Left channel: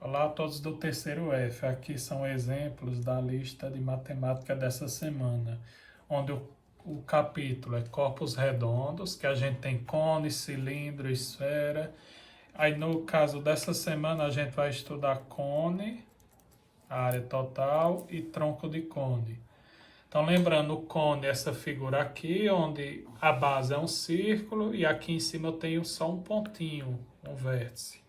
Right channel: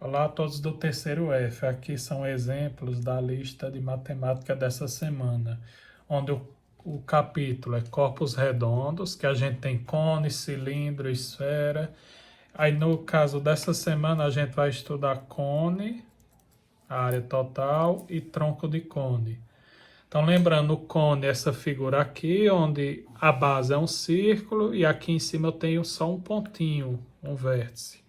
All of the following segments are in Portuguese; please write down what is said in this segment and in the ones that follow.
Olá a todos do terceiro F. Aqui são exemplos da lista de matemática dessa semana, onde o capítulo é corpos redondos, que a gente tem cone, cilindro, esfera. Aí no caso dessa semana a gente vai estudar cone, a área total e tronco de cone. Então lembrando, o cone é essa figura aqui, onde a base é um círculo e aqui em cima eu tenho só um pontinho, um vértice.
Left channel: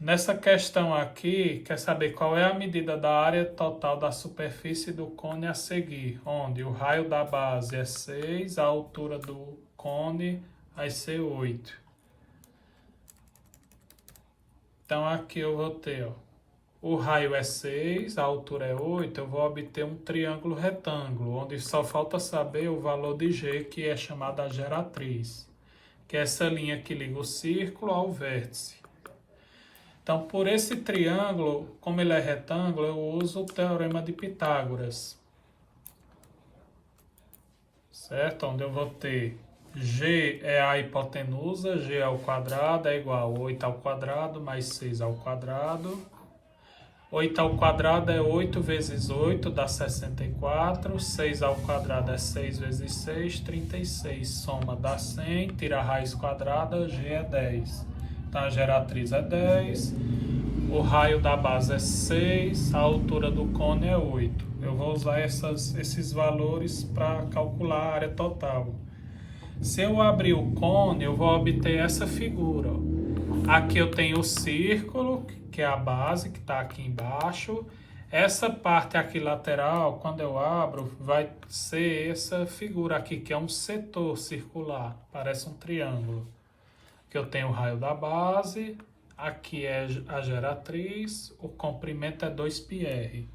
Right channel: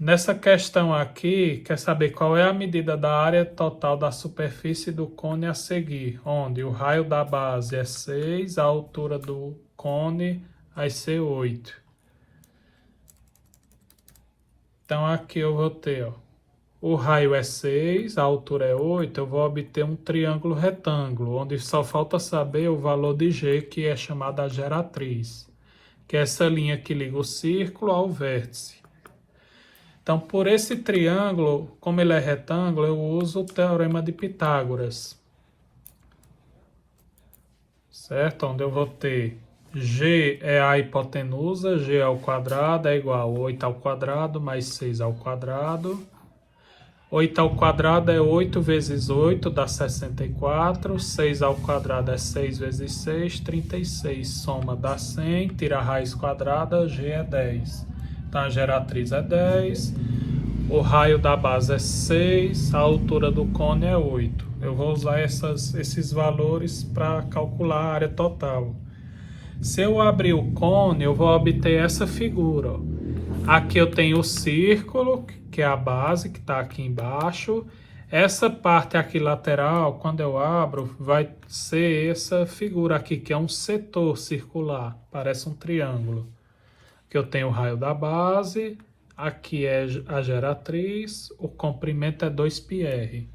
Nessa questão aqui, quer saber qual é a medida da área total da superfície do cone a seguir, onde o raio da base é 6, a altura do cone vai ser 8. Então aqui eu vou ter, o raio é 6, a altura é 8, eu vou obter um triângulo retângulo, onde só falta saber o valor de G, que é chamada geratriz, que é essa linha que liga o círculo ao vértice. Então, por esse triângulo, como ele é retângulo, eu uso o teorema de Pitágoras. Certo? Onde eu vou ter G é a hipotenusa, G ao quadrado é igual a 8 ao quadrado mais 6 ao quadrado. 8 ao quadrado é 8 vezes 8, dá 64. 6 ao quadrado é 6 vezes 6, 36. Soma dá 100, tira a raiz quadrada, G é 10. Então, a geratriz é 10, o raio da base é 6, a altura do cone é 8. Eu vou usar esses valores para calcular a área total. Se eu abrir o cone, eu vou obter essa figura. Aqui eu tenho o círculo, que é a base, que está aqui embaixo. Essa parte aqui lateral, quando eu abro, vai ser essa figura aqui, que é um setor circular, parece um triângulo. Que eu tenho o raio da base, aqui é a geratriz, o comprimento é 2πr.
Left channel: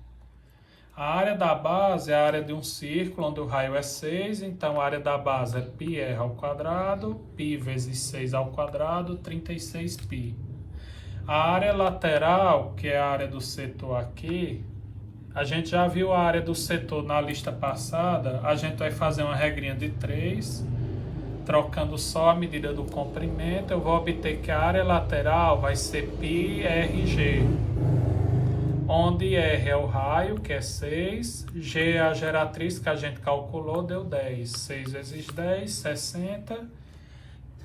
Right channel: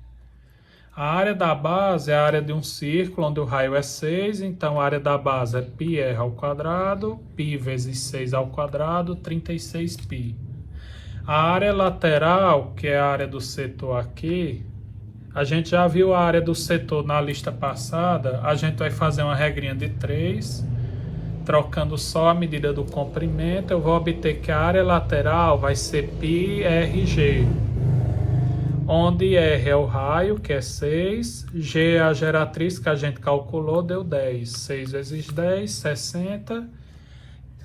A área da base é a área de um círculo onde o raio é 6, então a área da base é πr ao quadrado, π vezes 6 ao quadrado, 36π. A área lateral, que é a área do setor aqui, a gente já viu a área do setor na lista passada, a gente vai fazer uma regrinha de 3, trocando só a medida do comprimento, eu vou obter que a área lateral vai ser πrg, onde R é o raio, que é 6, G é a geratriz que a gente calculou, deu 10. 6 vezes 10, 60.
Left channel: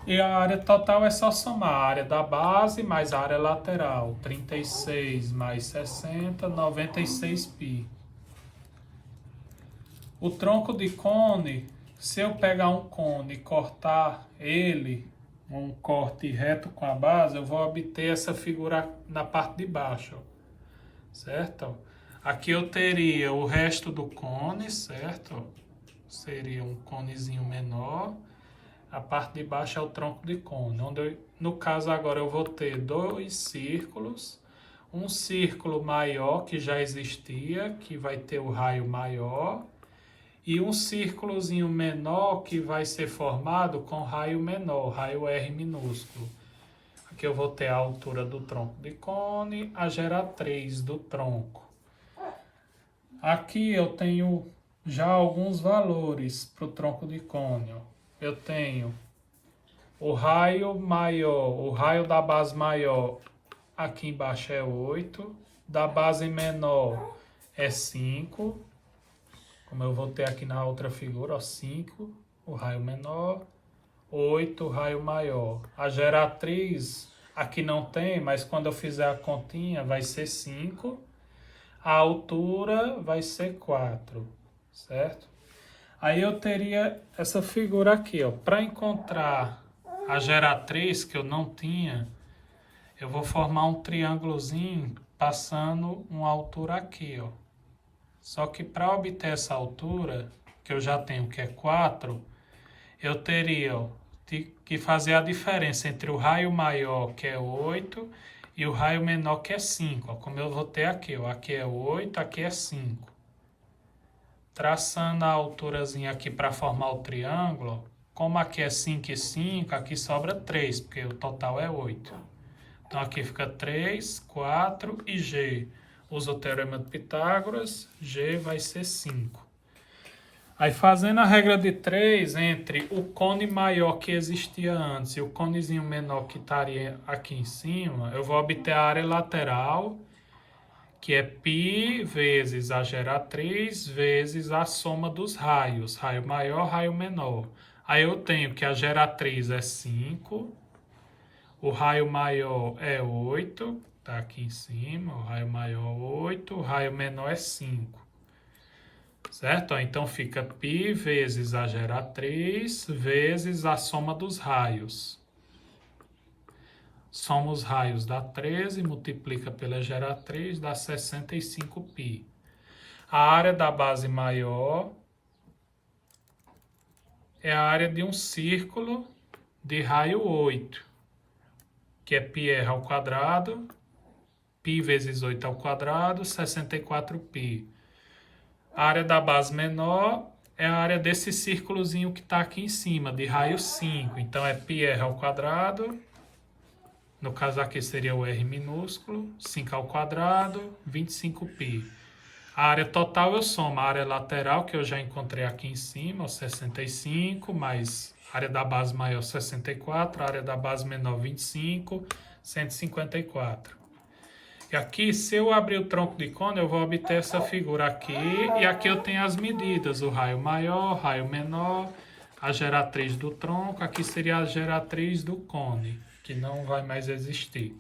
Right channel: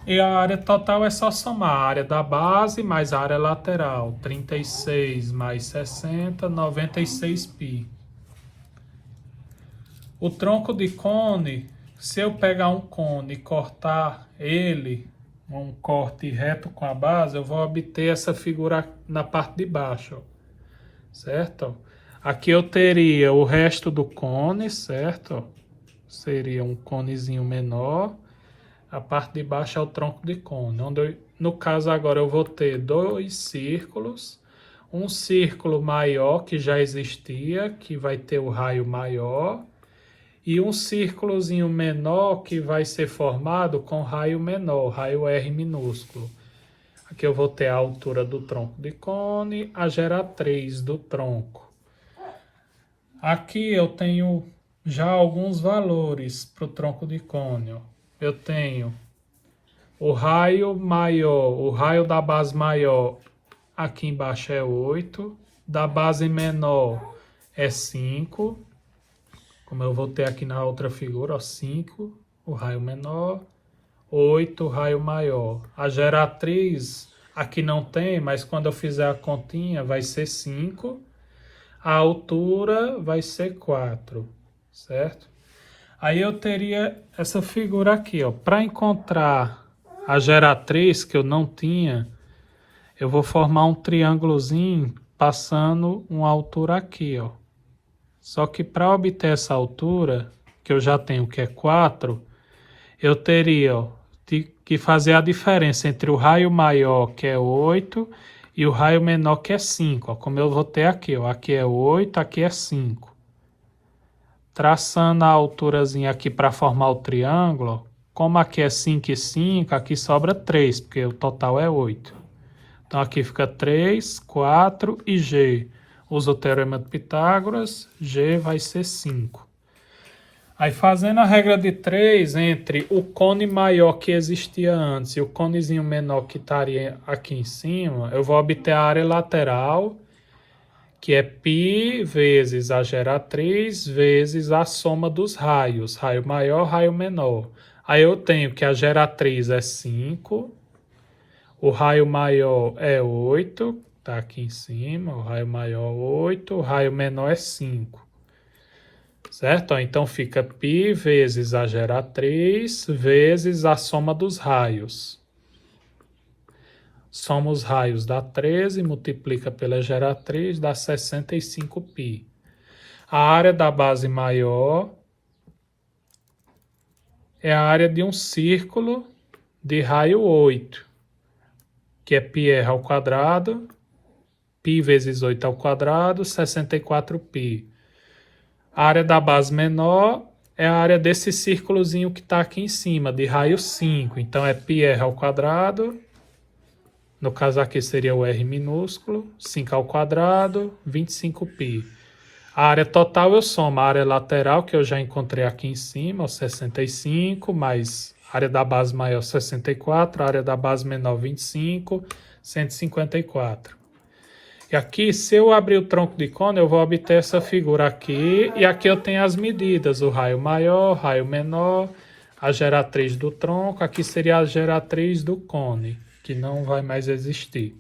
E a área total é só somar a área da base mais a área lateral. 36 mais 60, 96π. O tronco de cone, se eu pegar um cone e cortar ele, um corte reto com a base, eu vou obter essa figura na parte de baixo, certo? Aqui eu teria o resto do cone, certo? Seria um conezinho menor. A parte de baixo é o tronco de cone, onde no caso agora eu vou ter dois círculos, um círculo maior que já existia, que vai ter o raio maior, e um círculozinho menor que vai ser formado com raio menor, raio R minúsculo. Aqui eu vou ter a altura do tronco de cone, a geratriz do tronco. Aqui eu tenho já alguns valores para o tronco de cone. Eu tenho o raio maior, o raio da base maior, aqui embaixo é 8, da base menor é 5, como eu vou ter aqui na outra figura, ó, 5, o raio menor, 8, o raio maior. A geratriz aqui não tem, mas quando eu fizer a continha vai ser 5, a altura vai ser 4, certo? Aí eu teria essa figura aqui, ó. Para encontrar a geratriz que eu não tinha, eu vou formar um triângulozinho passando uma altura aqui, ó. Só que para obter essa altura, que eu já tenho que é 4, eu teria, ó, que fazer a diferença entre o raio maior, que é 8, e o raio menor, que é 5, ó. Como eu vou ter aqui, ó. Aqui é 8, aqui é 5. Traçando a alturazinha aqui para formar o triângulo, como aqui é 5 e 5, aqui sobra 3, porque o total é 8. Então aqui fica 3, 4 e G. Usa o teorema de Pitágoras, G vai ser 5. Aí fazendo a regra de 3 entre o cone maior que existia antes e o conezinho menor que estaria aqui em cima, eu vou obter a área lateral, que é π vezes a geratriz vezes a soma dos raios, raio maior, raio menor. Aí eu tenho que a geratriz é 5, o raio maior é 8, tá aqui em cima, o raio maior 8, o raio menor é 5. Certo? Então fica π vezes a geratriz vezes a soma dos raios. Soma os raios dá 13, multiplica pela geratriz, dá 65π. A área da base maior é a área de um círculo de raio 8, que é πr ao quadrado, π vezes 8 ao quadrado, 64π. A área da base menor é a área desse círculozinho que está aqui em cima, de raio 5. Então, é πr ao quadrado. No caso aqui seria o r minúsculo. 5 ao quadrado, 25π. A área total eu somo a área lateral, que eu já encontrei aqui em cima, 65, mais a área da base maior, 64, a área da base menor, 25, 154. E aqui, se eu abrir o tronco de cone, eu vou obter essa figura aqui. E aqui eu tenho as medidas, o raio maior, raio menor, a geratriz do tronco. Aqui seria a geratriz do cone, que não vai mais existir.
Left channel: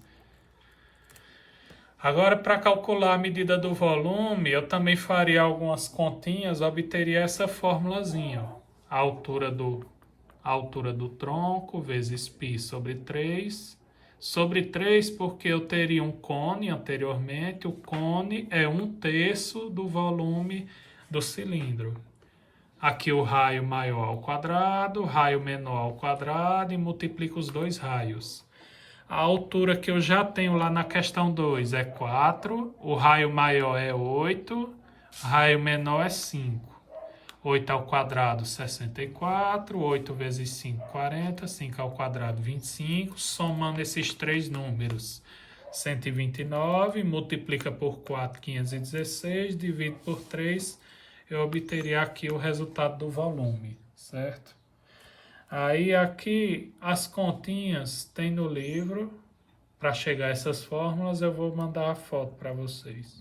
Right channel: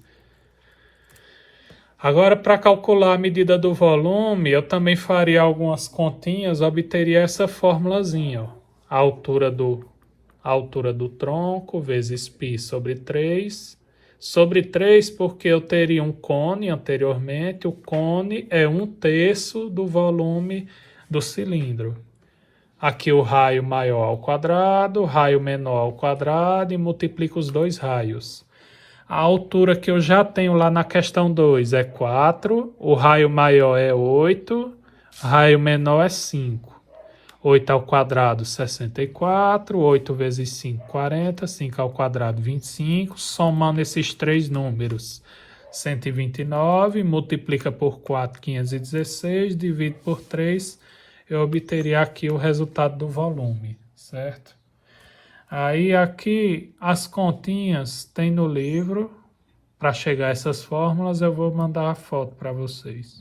Agora, para calcular a medida do volume, eu também faria algumas continhas, obteria essa formulazinha, ó. A altura do tronco vezes π sobre 3. Sobre 3, porque eu teria um cone anteriormente, o cone é 1/3 do volume do cilindro. Aqui o raio maior ao quadrado, raio menor ao quadrado e multiplico os dois raios. A altura que eu já tenho lá na questão 2 é 4, o raio maior é 8, raio menor é 5. 8 ao quadrado, 64, 8 vezes 5, 40, 5 ao quadrado, 25, somando esses três números, 129, multiplica por 4, 516, divide por 3, eu obteria aqui o resultado do volume, certo? Aí aqui as continhas tem no livro, para chegar a essas fórmulas eu vou mandar a foto para vocês.